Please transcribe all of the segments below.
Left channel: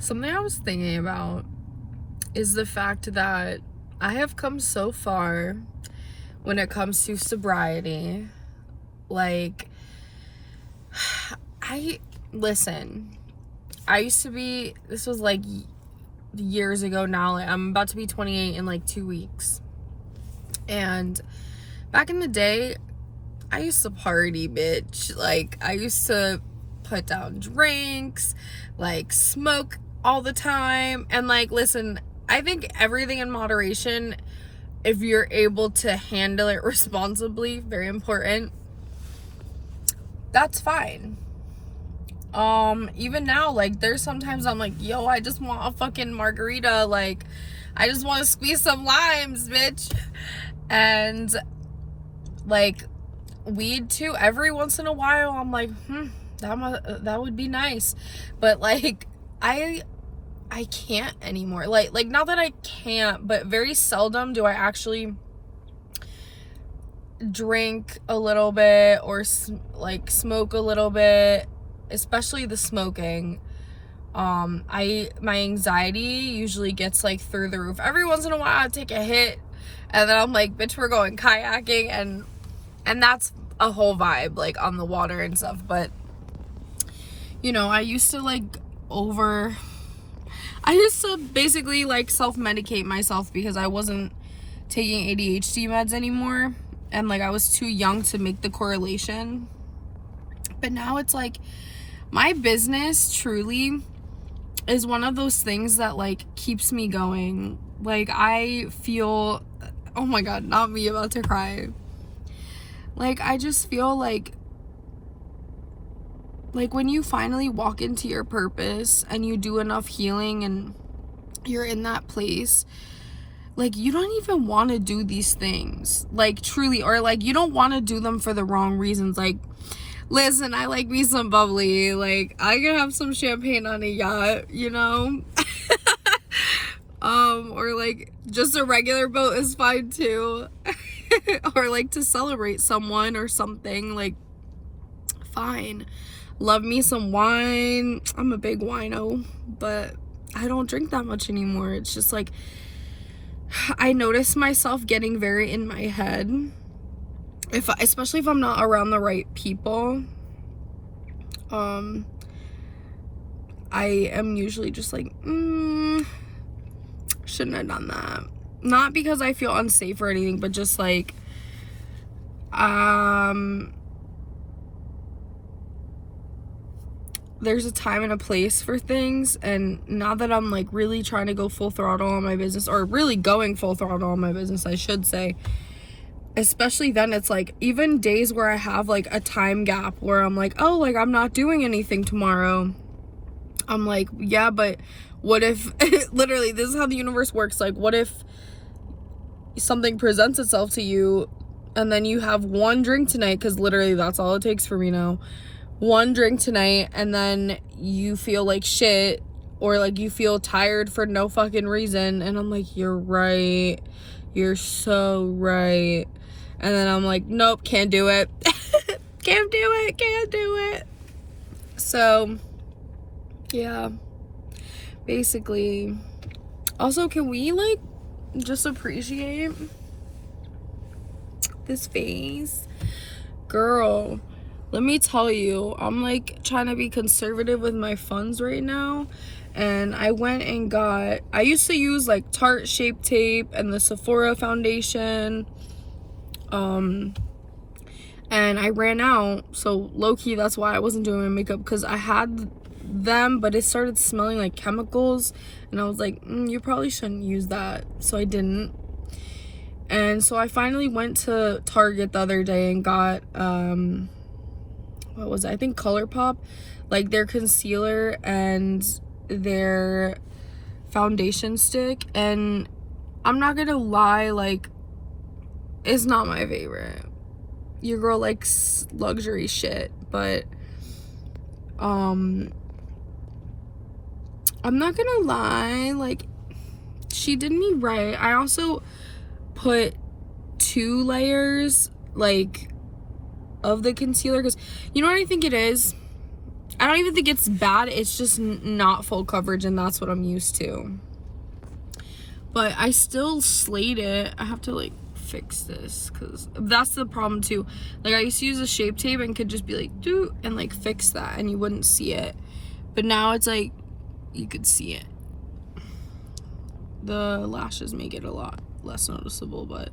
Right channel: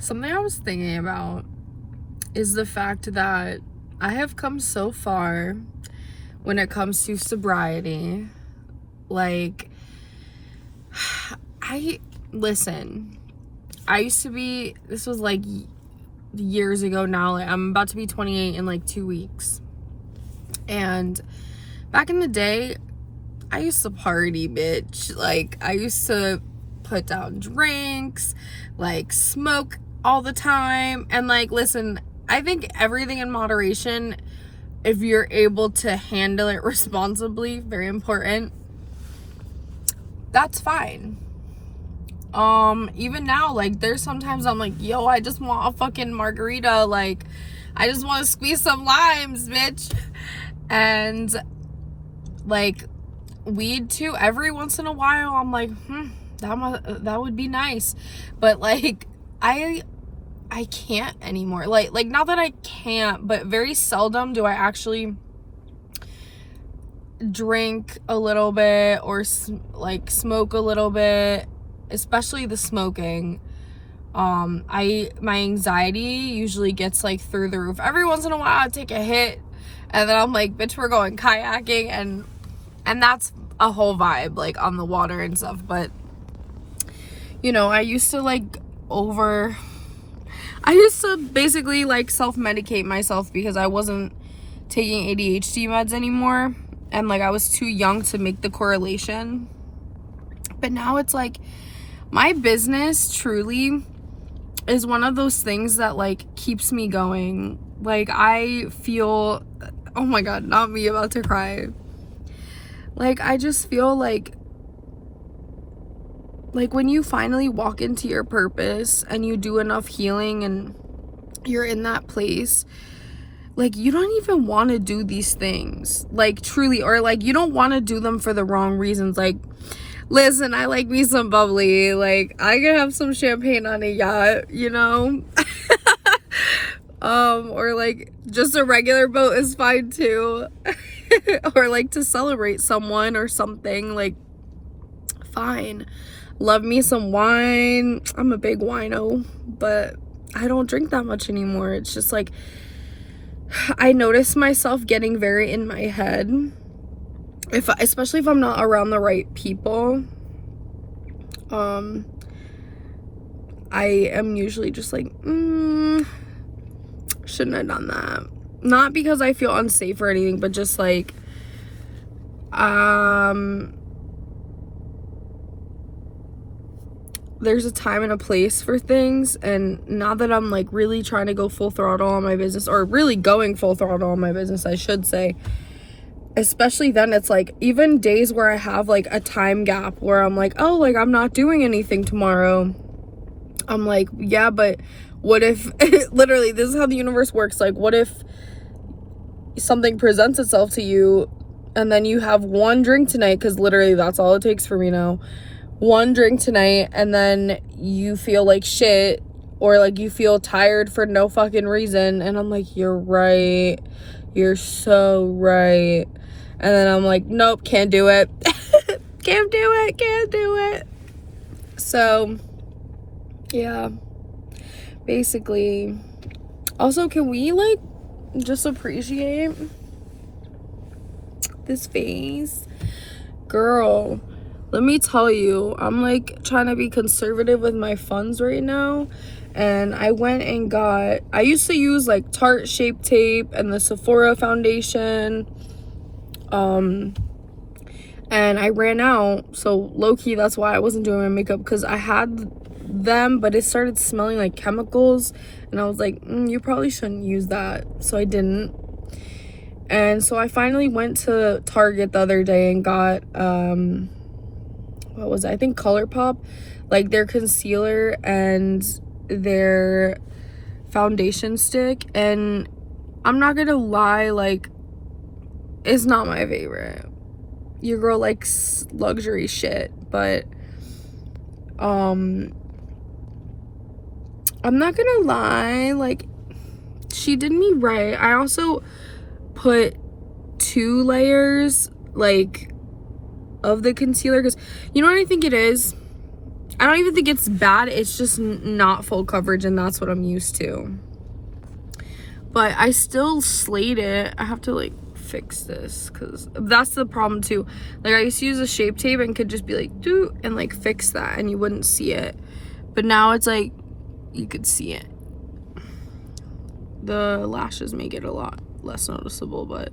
Something I was thinking about is the fact that I have come so far when it comes to sobriety. Like, listen, I used to be, this was like years ago now, like I'm about to be 28 in like 2 weeks. And back in the day, I used to party, bitch. Like, I used to put down drinks, like smoke all the time. And like, listen, I think everything in moderation, if you're able to handle it responsibly, very important, that's fine. Even now, like, there's sometimes I'm like, yo, I just want a fucking margarita. Like, I just want to squeeze some limes, bitch. And like, weed too, every once in a while I'm like, that would be nice. But like, I can't anymore. Like not that I can't, but very seldom do I actually drink a little bit or like smoke a little bit, especially the smoking. My anxiety usually gets like through the roof. Every once in a while I take a hit and then I'm like, bitch, we're going kayaking, and that's a whole vibe, like on the water and stuff. But you know, I used to basically like self-medicate myself because I wasn't taking ADHD meds anymore, and like I was too young to make the correlation. But now it's like, my business truly is one of those things that like keeps me going. Like, I feel, oh my god, not me, about to cry. Like, I just feel like when you finally walk into your purpose and you do enough healing and you're in that place, like, you don't even want to do these things, like, truly, or like you don't want to do them for the wrong reasons. Like, listen, I like me some bubbly, like I can have some champagne on a yacht, you know. Or like just a regular boat is fine too. Or like to celebrate someone or something, like, fine. Love me some wine. I'm a big wino, but I don't drink that much anymore. It's just like, I notice myself getting very in my head, especially if I'm not around the right people. I am usually just like, shouldn't have done that. Not because I feel unsafe or anything, but just like, there's a time and a place for things. And now that I'm like really trying to go full throttle on my business, or really going full throttle on my business, I should say, especially then, it's like, even days where I have like a time gap where I'm like, oh, like I'm not doing anything tomorrow, I'm like, yeah, but what if literally, this is how the universe works. Like, what if something presents itself to you and then you have one drink tonight, because literally that's all it takes for me now, one drink tonight, and then you feel like shit, or like you feel tired for no fucking reason, and I'm like, you're right, you're so right, and then I'm like, nope, can't do it. can't do it. So yeah, basically. Also, can we like just appreciate this face? Girl, let me tell you, I'm like trying to be conservative with my funds right now, and I went and I used to use like Tarte Shape Tape and the Sephora foundation, and I ran out, so low-key that's why I wasn't doing my makeup, because I had them, but it started smelling like chemicals, and I was like, you probably shouldn't use that, so I didn't. And so I finally went to Target the other day and got what was it? I think ColourPop, like their concealer and their foundation stick, and I'm not gonna lie, like, it's not my favorite. Your girl likes luxury shit, but I'm not gonna lie, like, she did me right. I also put 2 layers, like, of the concealer, because you know what I think it is? I don't even think it's bad. It's just not full coverage, and that's what I'm used to. But I still slayed it. I have to like fix this because that's the problem too. Like I used to use a shape tape and could just be like do and like fix that and you wouldn't see it. But now it's like you could see it. The lashes make it a lot less noticeable, but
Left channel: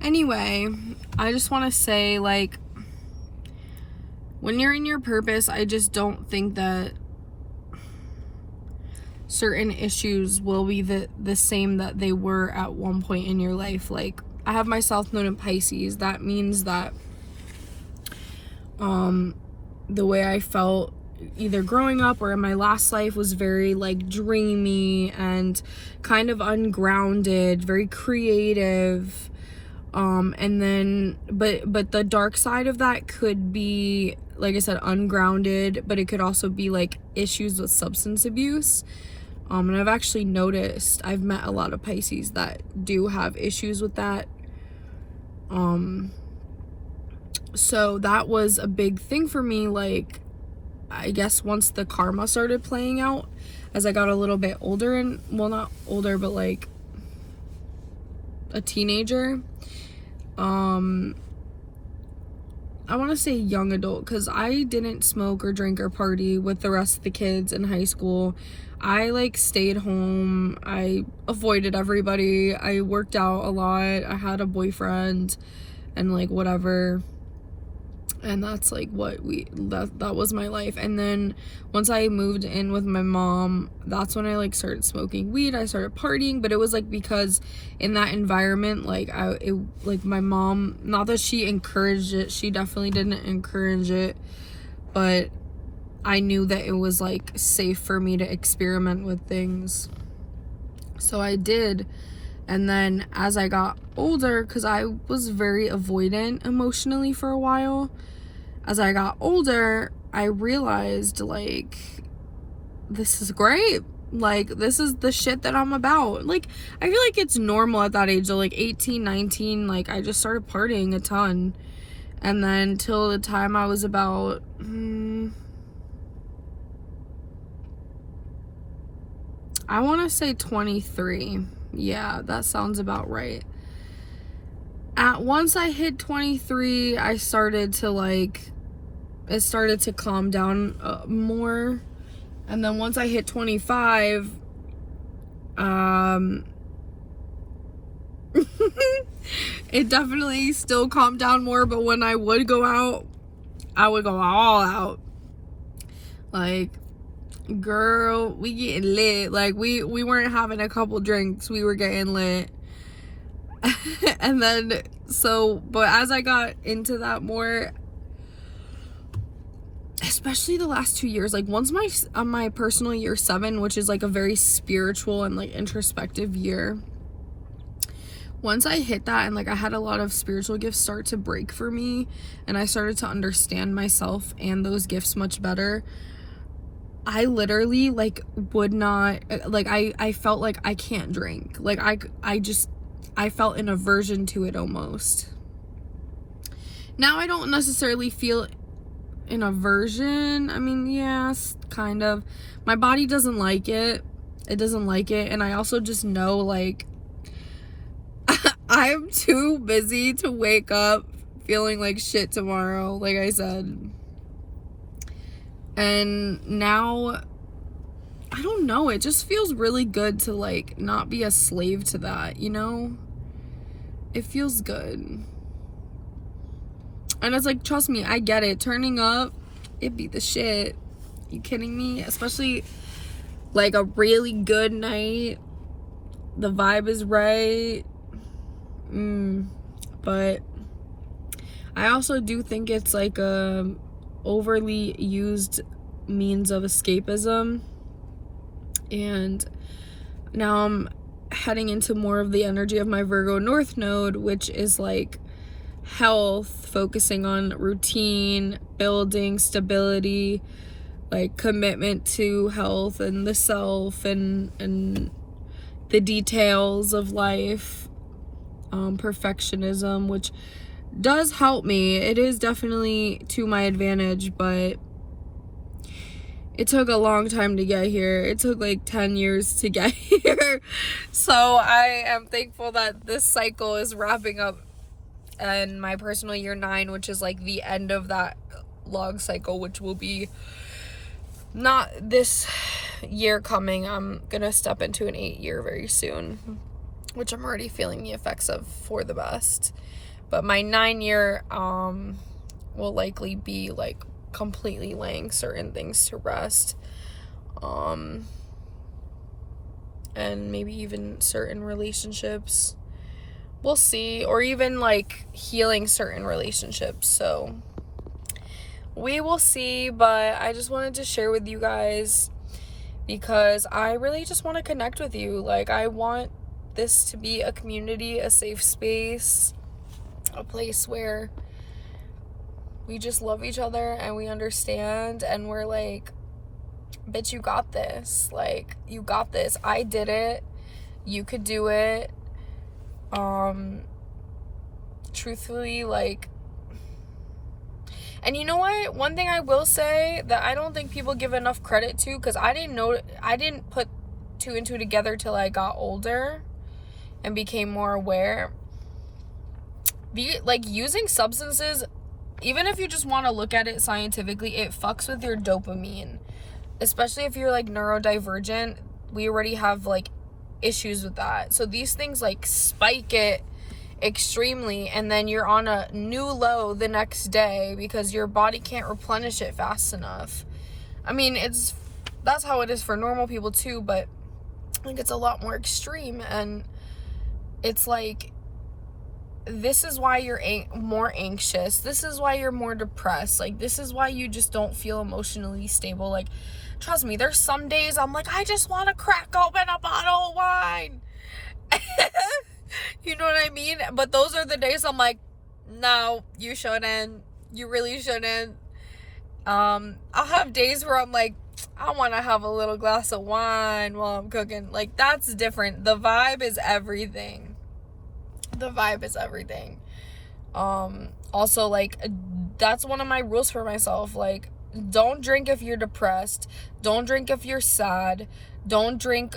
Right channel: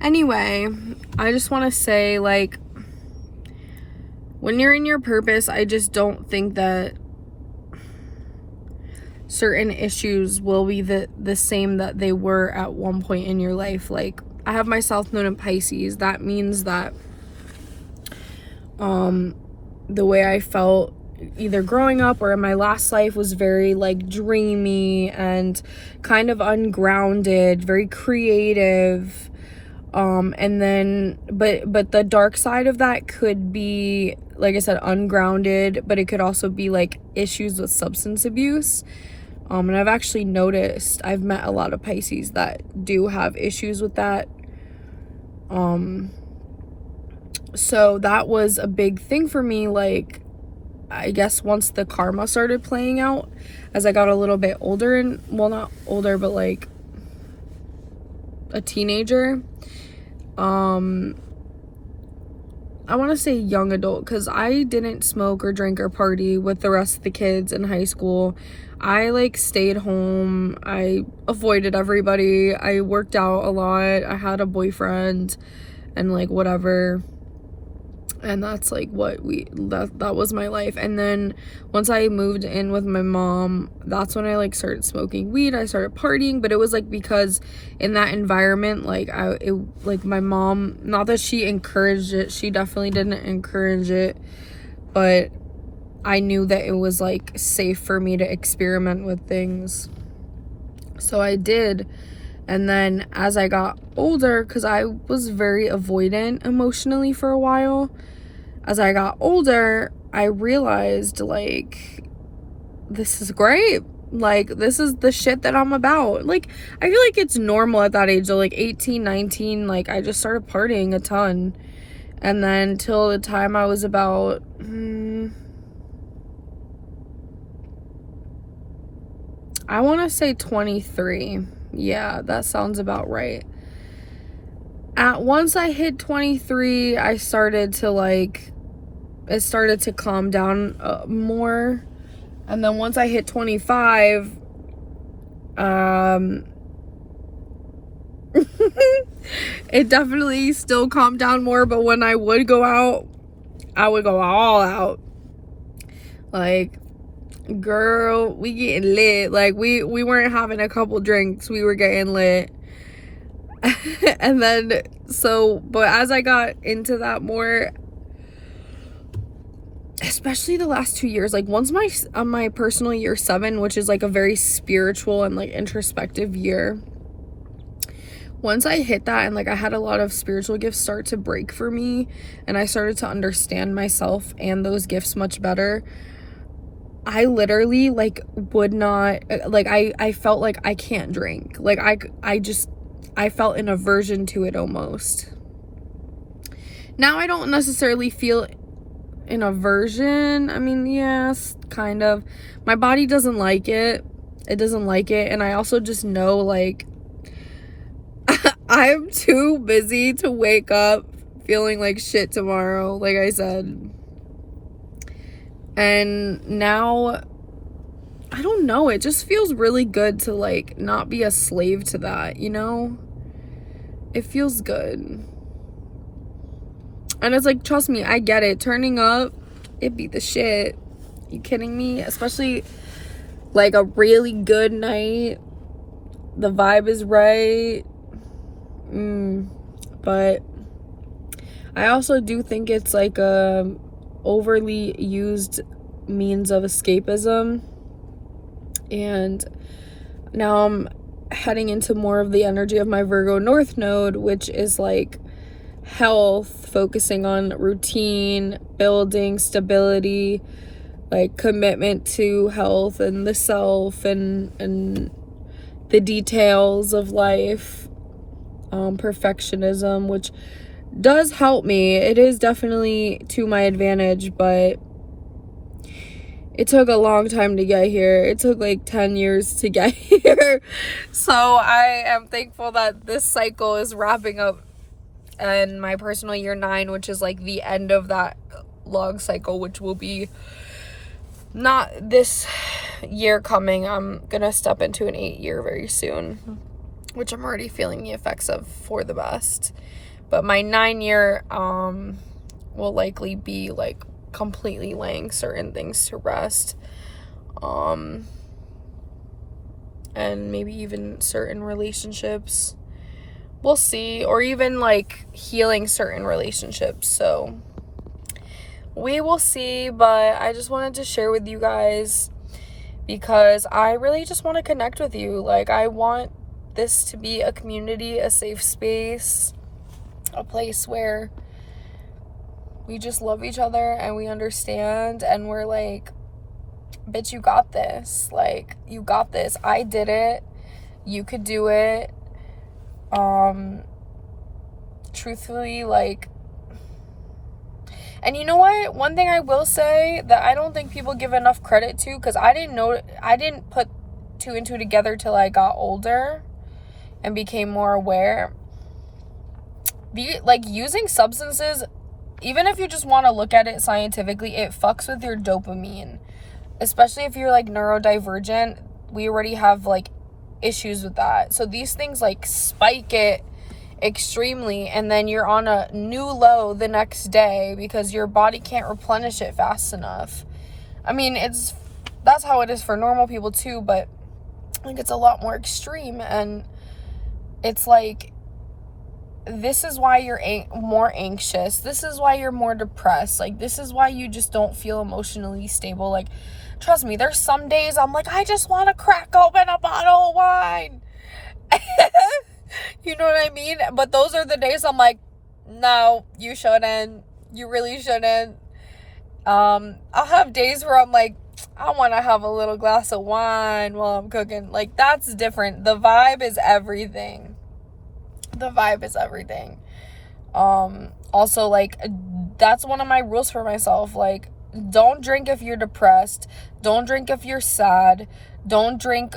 anyway, I just want to say, like, when you're in your purpose, I just don't think that certain issues will be the same that they were at one point in your life. Like, I have my South Node in Pisces. That means that the way I felt either growing up or in my last life was very like dreamy and kind of ungrounded, very creative. And then but the dark side of that could be, like I said, ungrounded, but it could also be like issues with substance abuse. And I've actually noticed, I've met a lot of Pisces that do have issues with that. So that was a big thing for me. Like, I guess once the karma started playing out as I got a little bit older, and well, not older, but like a teenager. I want to say young adult, because I didn't smoke or drink or party with the rest of the kids in high school. I like stayed home. I avoided everybody. I worked out a lot. I had a boyfriend and like whatever. And that's like what that was my life. And then once I moved in with my mom, that's when I like started smoking weed. I started partying, but it was like because in that environment, like my mom, not that she encouraged it, she definitely didn't encourage it, but I knew that it was like safe for me to experiment with things. So I did. And then as I got older, because I was very avoidant emotionally for a while, as I got older, I realized, like, this is great. Like, this is the shit that I'm about. Like, I feel like it's normal at that age. So, like, 18, 19, like, I just started partying a ton. And then till the time I was about, I want to say 23. Yeah, that sounds about right. Once I hit 23, I started to, like, it started to calm down more. And then once I hit 25, it definitely still calmed down more. But when I would go out, I would go all out. Like, girl, we getting lit. Like, we weren't having a couple drinks, we were getting lit. And then but as I got into that more, especially the last 2 years, like once my personal year 7, which is like a very spiritual and like introspective year, once I hit that and like I had a lot of spiritual gifts start to break for me, and I started to understand myself and those gifts much better, I literally like would not, like I felt like I can't drink. Like I felt an aversion to it almost. Now I don't necessarily feel an aversion. I mean, yes, kind of. My body doesn't like it. It doesn't like it. And I also just know, like, I'm too busy to wake up feeling like shit tomorrow, like I said. And now, I don't know, it just feels really good to like not be a slave to that, you know? It feels good. And it's like, trust me, I get it. Turning up, it beat the shit. You kidding me? Especially like a really good night. The vibe is right. But I also do think it's like a overly used means of escapism. And now I'm heading into more of the energy of my Virgo North Node, which is like health, focusing on routine, building stability, like commitment to health and the self and the details of life, perfectionism, which does help me. It is definitely to my advantage, but it took a long time to get here. It took like 10 years to get here. So I am thankful that this cycle is wrapping up, and my personal year 9, which is like the end of that long cycle, which will be not this year coming. I'm gonna step into an 8-year very soon, which I'm already feeling the effects of for the best. But my 9-year will likely be like completely laying certain things to rest, and maybe even certain relationships, we'll see, or even like healing certain relationships. So we will see, but I just wanted to share with you guys because I really just want to connect with you. Like, I want this to be a community, a safe space, a place where we just love each other and we understand, and we're like, bitch, you got this. Like, you got this. I did it. You could do it. Truthfully, like, and you know what? One thing I will say that I don't think people give enough credit to, because I didn't put 2 and 2 together till I got older and became more aware. Like, using substances, even if you just want to look at it scientifically, it fucks with your dopamine. Especially if you're like neurodivergent, we already have like issues with that. So these things like spike it extremely, and then you're on a new low the next day because your body can't replenish it fast enough. I mean, that's how it is for normal people too, but I think it's a lot more extreme. And it's like, this is why you're more anxious. This is why you're more depressed. Like, this is why you just don't feel emotionally stable. Like, trust me, there's some days I'm like, I just want to crack open a bottle of wine. You know what I mean? But those are the days I'm like, no, you shouldn't. You really shouldn't. I'll have days where I'm like, I want to have a little glass of wine while I'm cooking. Like, that's different. The vibe is everything. The vibe is everything. Also, like, that's one of my rules for myself. Like, don't drink if you're depressed. Don't drink if you're sad. Don't drink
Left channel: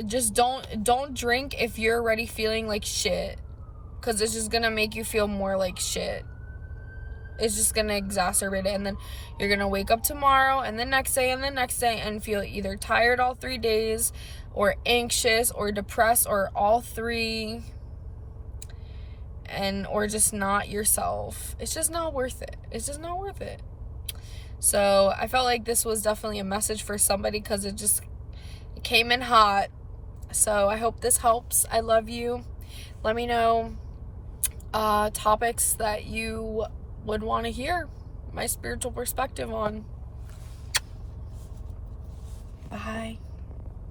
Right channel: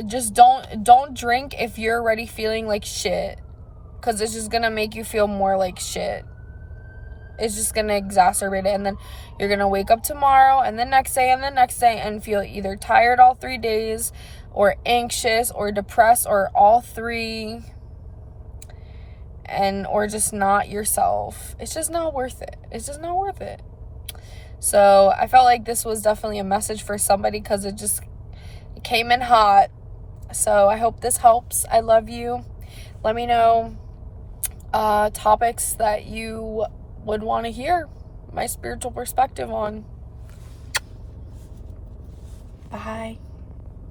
if you're already feeling like shit, because it's just gonna make you feel more like shit. It's just gonna exacerbate it, and then you're gonna wake up tomorrow and the next day and the next day and feel either tired all 3 days, or anxious, or depressed, or all 3, or just not yourself. It's just not worth it. It's just not worth it. So I felt like this was definitely a message for somebody, because it came in hot. So I hope this helps. I love you. Let me know topics that you would want to hear my spiritual perspective on. Bye.